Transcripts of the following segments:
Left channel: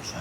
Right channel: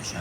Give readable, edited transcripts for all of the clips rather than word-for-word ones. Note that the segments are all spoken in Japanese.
いしょ。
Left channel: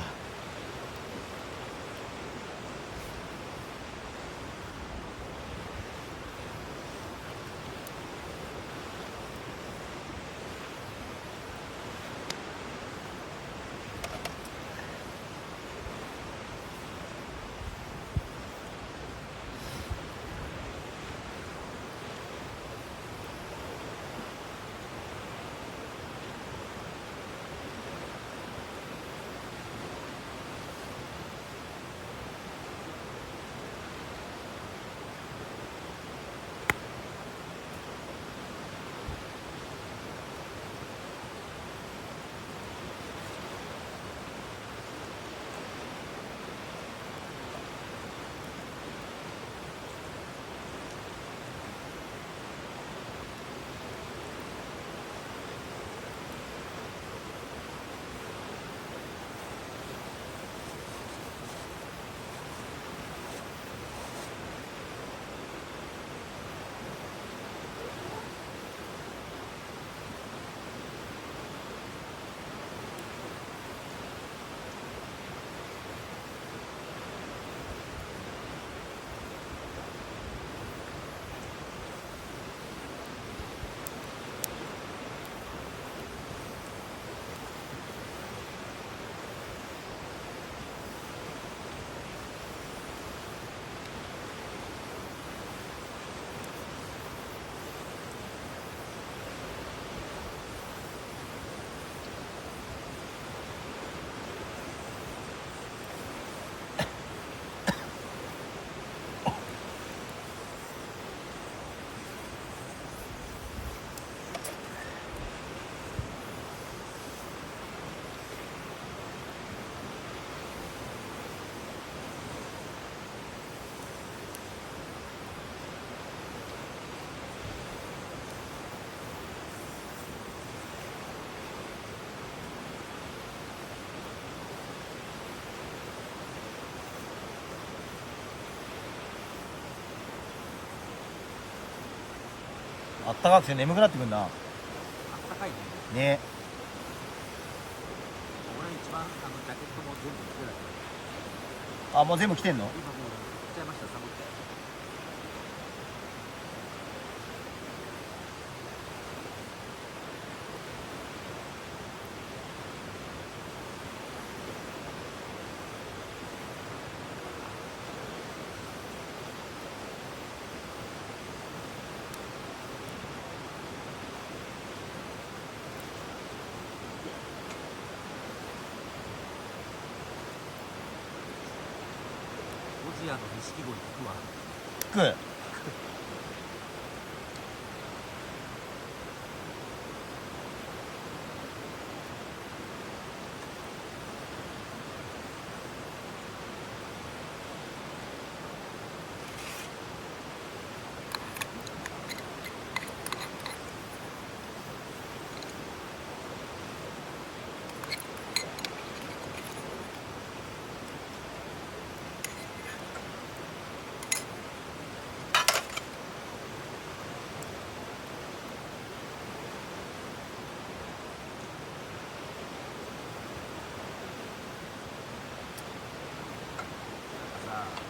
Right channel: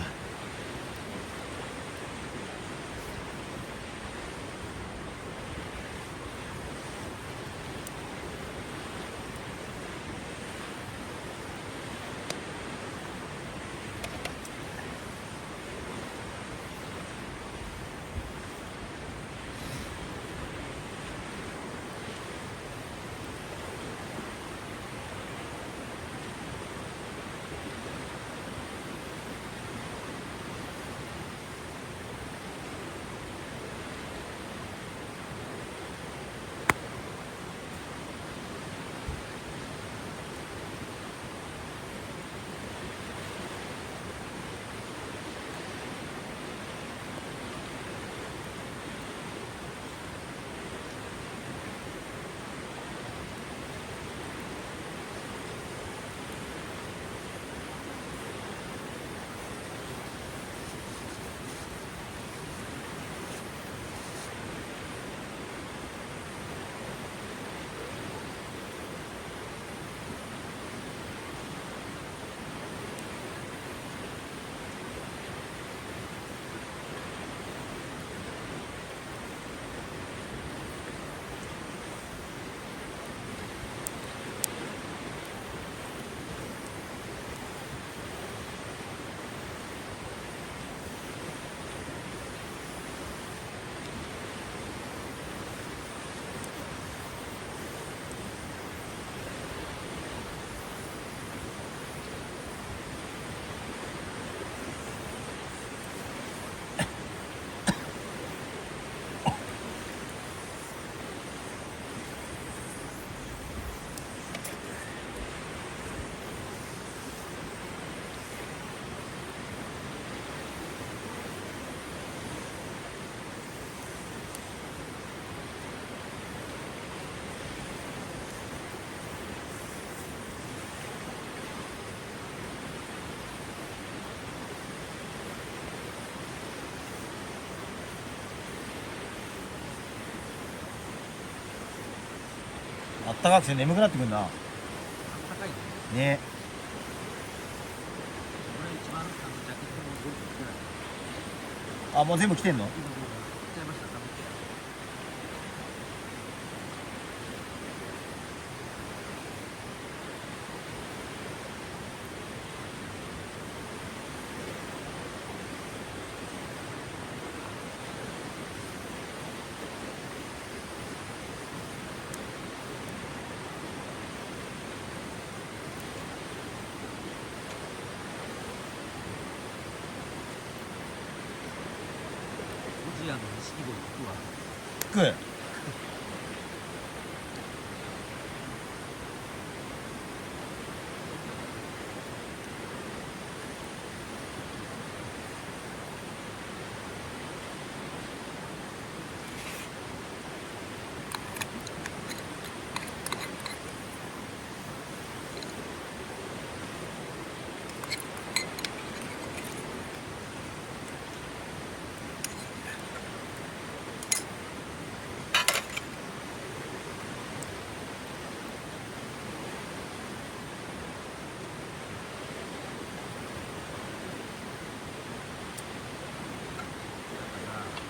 あったかくて眠くなってくるな。あったかいね。ね。俺一番ジャケットも全部着てるから。あ、もう全部来てんの？今もう着ちゃいました。サボって。ゴジラの錦鯉行くわ。食う。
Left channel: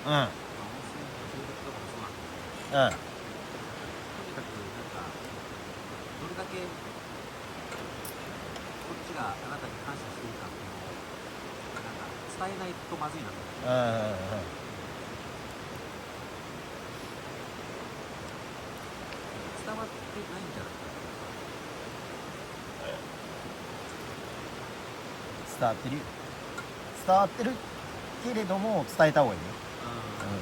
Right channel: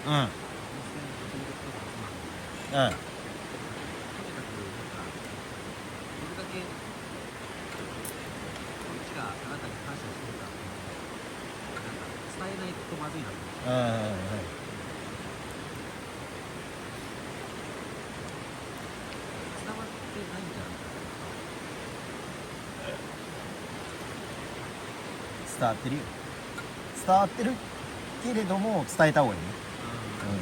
うん。うん。温泉中毒とかもそうなんだけど、とにかくなんかどれだけこっちがあなたに感謝してるかっていうのをなんか伝えないとまずいなと思って。うん。伝わってないんじゃないか伝わってるよ。伝わってるけれども伝えた方がいいね。な。うん。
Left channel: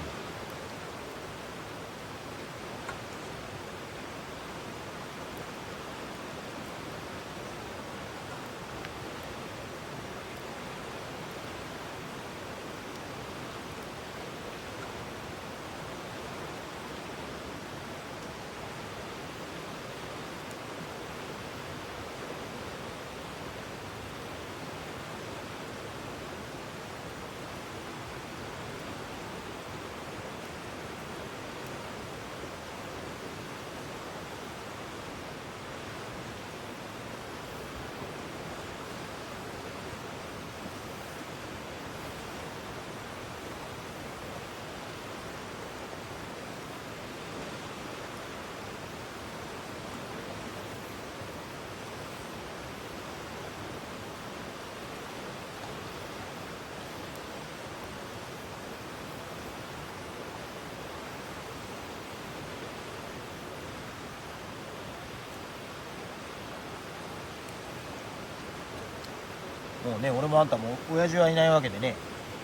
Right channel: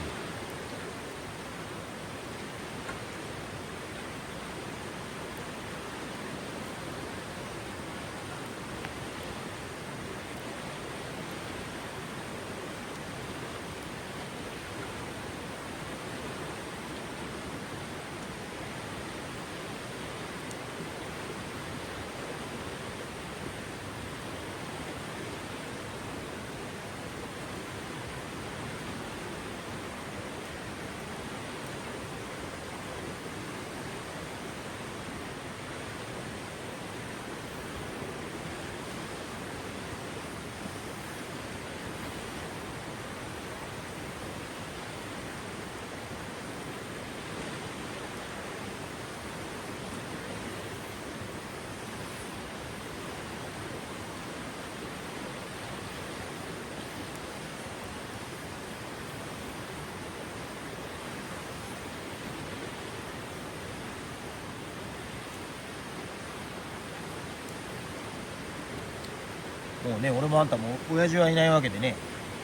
もうね、俺もあんたも親父はいないわけでね、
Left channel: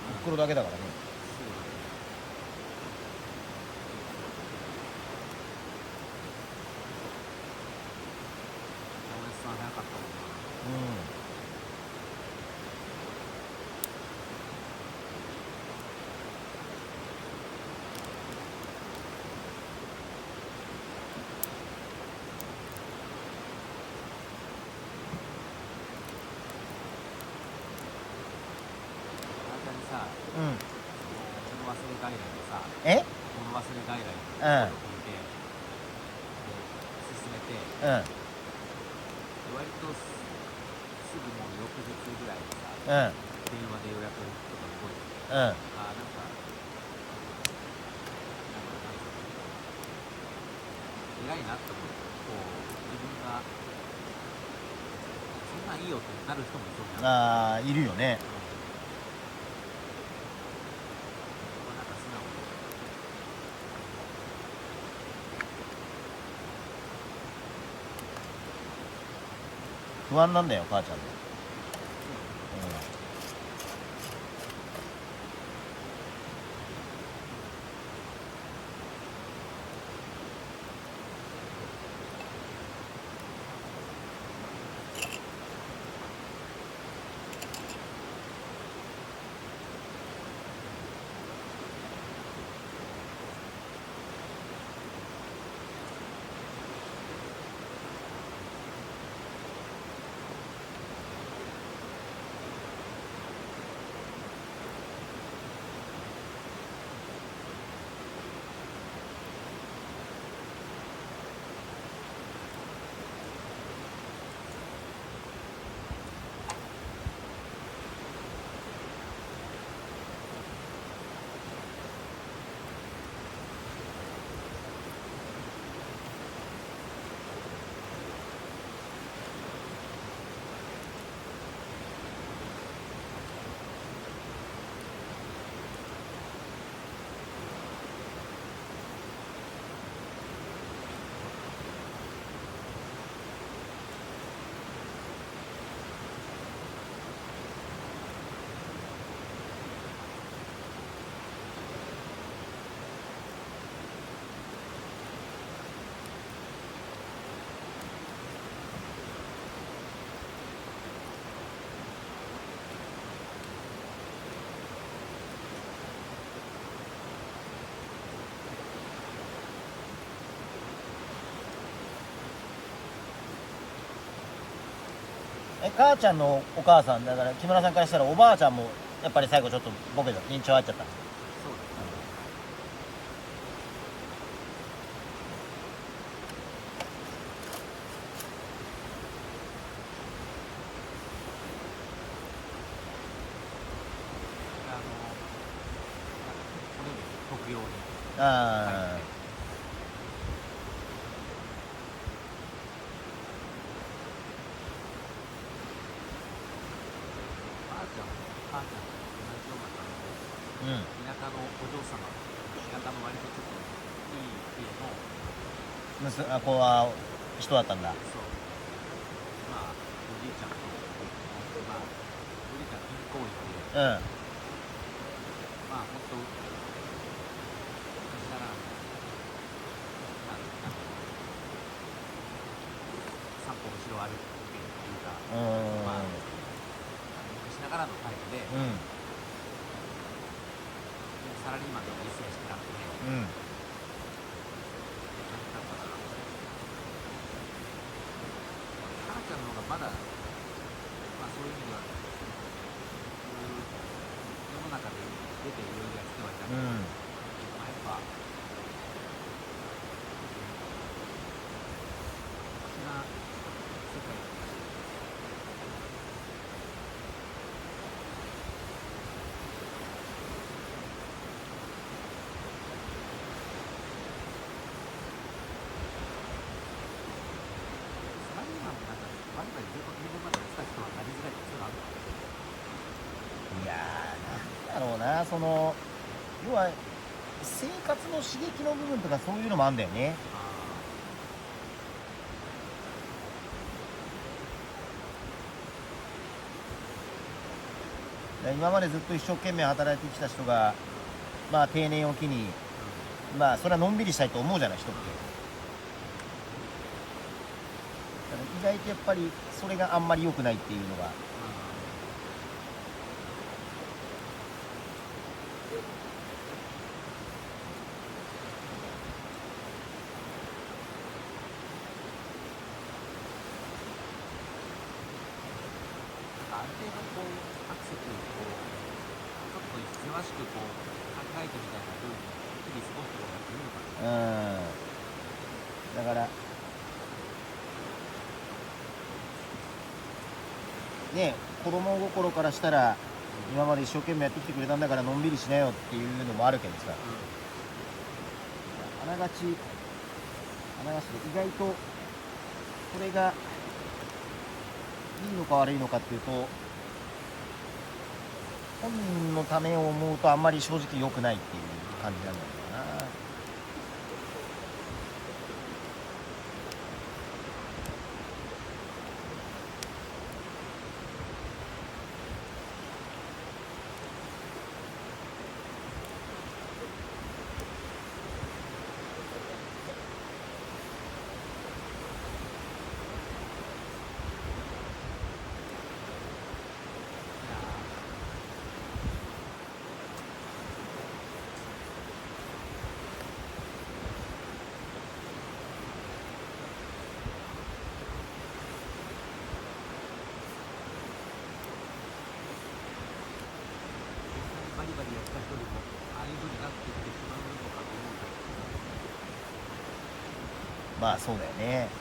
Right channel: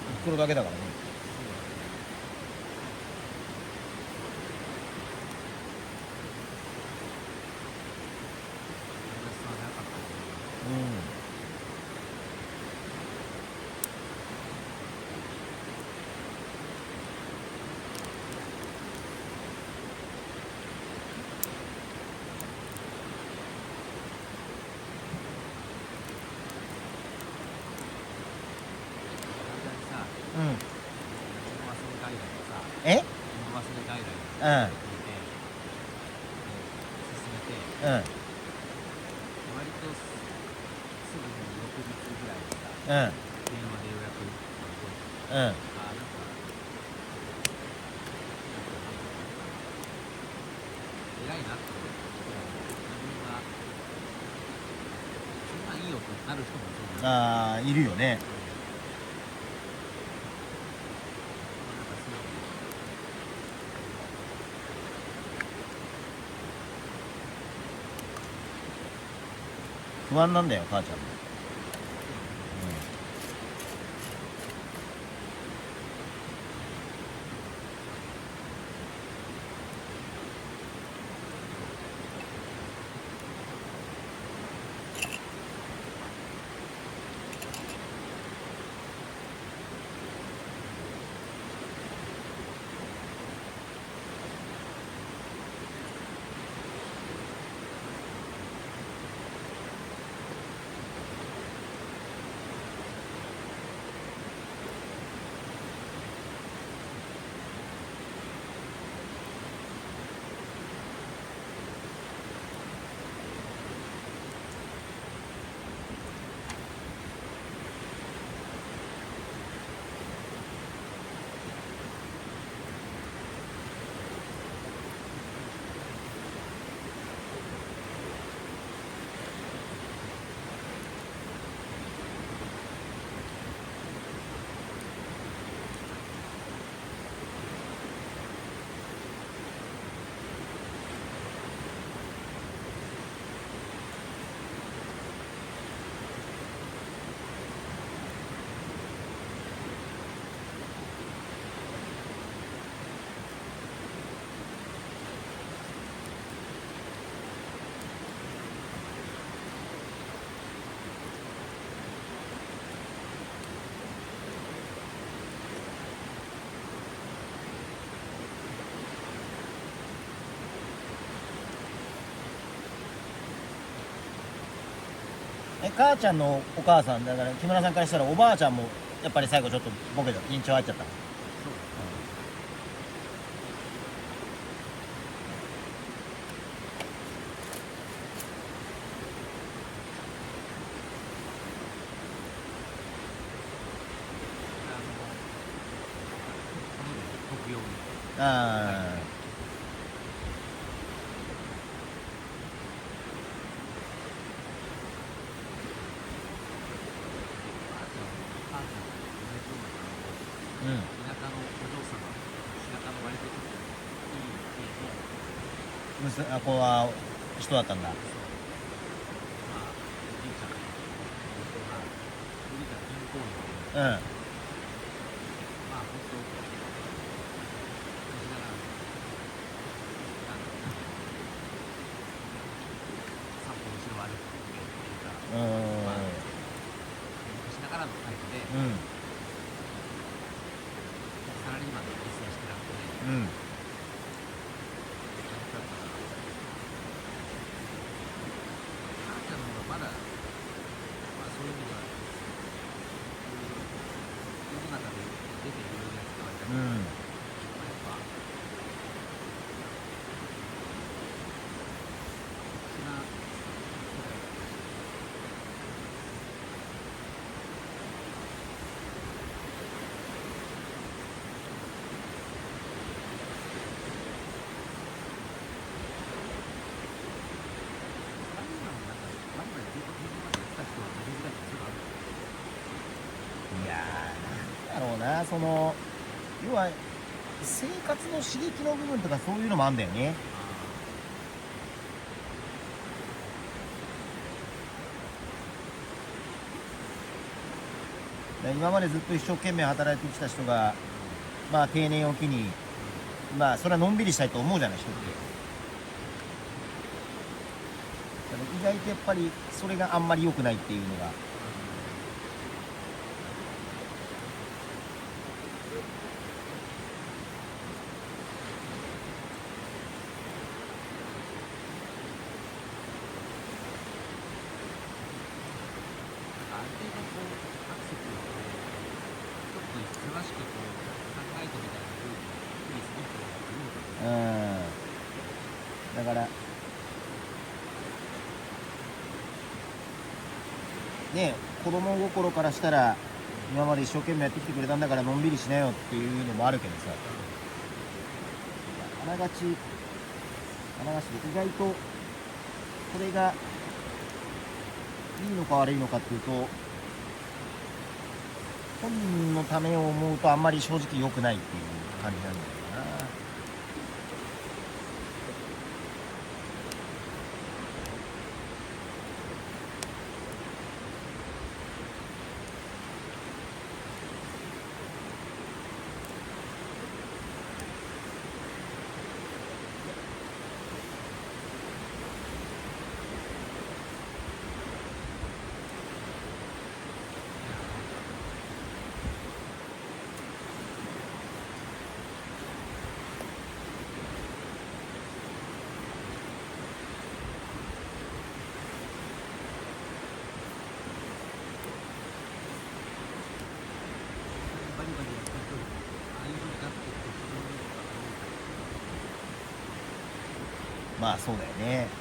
お袋だけだからね。うん。うん。物忘れ外来でさ、え？物忘れ外来でうん。入れて、進めて、うん。割とすぐもう翌日ぐらいにさ、うん。電話で予約とか動いて、うん。なんか、偉いなって、こう、自分が、そんなんいいよってなる人もいるな。ああ、いるよね。なんか素直に不安なんだよ、母ちゃんも。母ちゃんのお母さんだから木村さんからしたらおばあちゃんもやっぱり最後ちょっとボケた認知症入っちゃったの。そうだね。骨に特用に。ああ。うん。田舎のお嬢様、田舎の割とちょっといい家の、子は人だったんだ。そう、まあ、おじいちゃんとか、まあ、おじいちゃん銀行員で、うん。まあ、ほんと、西田なんで、散歩後ろ歩くっていうか、まあ、昔ながらの感じで、うん。サラリーマンとか一切してなくて、うん。なんだったかな。関西の方がまだ、まあそういう意味では、世の中で出ていろいろやってはいたけど、うん。やっぱ、特殊な世界だね。いやー、なんだろうな、その、要は、生活の刺激の部分とかそういうのもあんだよね。で今までずっと一生懸命働いてきた人が、まあ定年を機に、まあそれはのんびりしたいと思うじゃない、人って。だから意外とやっぱりそれがあんまり良くないっていうのが。ある程度こう、アクセスにこう、ちょっと忙しくこう、考えてみたいな風に日々過ごしてもらっていいのかな。だからね、子供心からしたら今まで一生懸命やってきてくれたんだからのんびりしなよっていうのもあるけどさ、あながちで意外とこれがいいのか悪いのかっていうと、本人のためを思うとあんまり正直良くないっていう感じなんじゃないかな。バリバリやった人でも、ああいう風になってきてしまうのかな。まあそうだよね。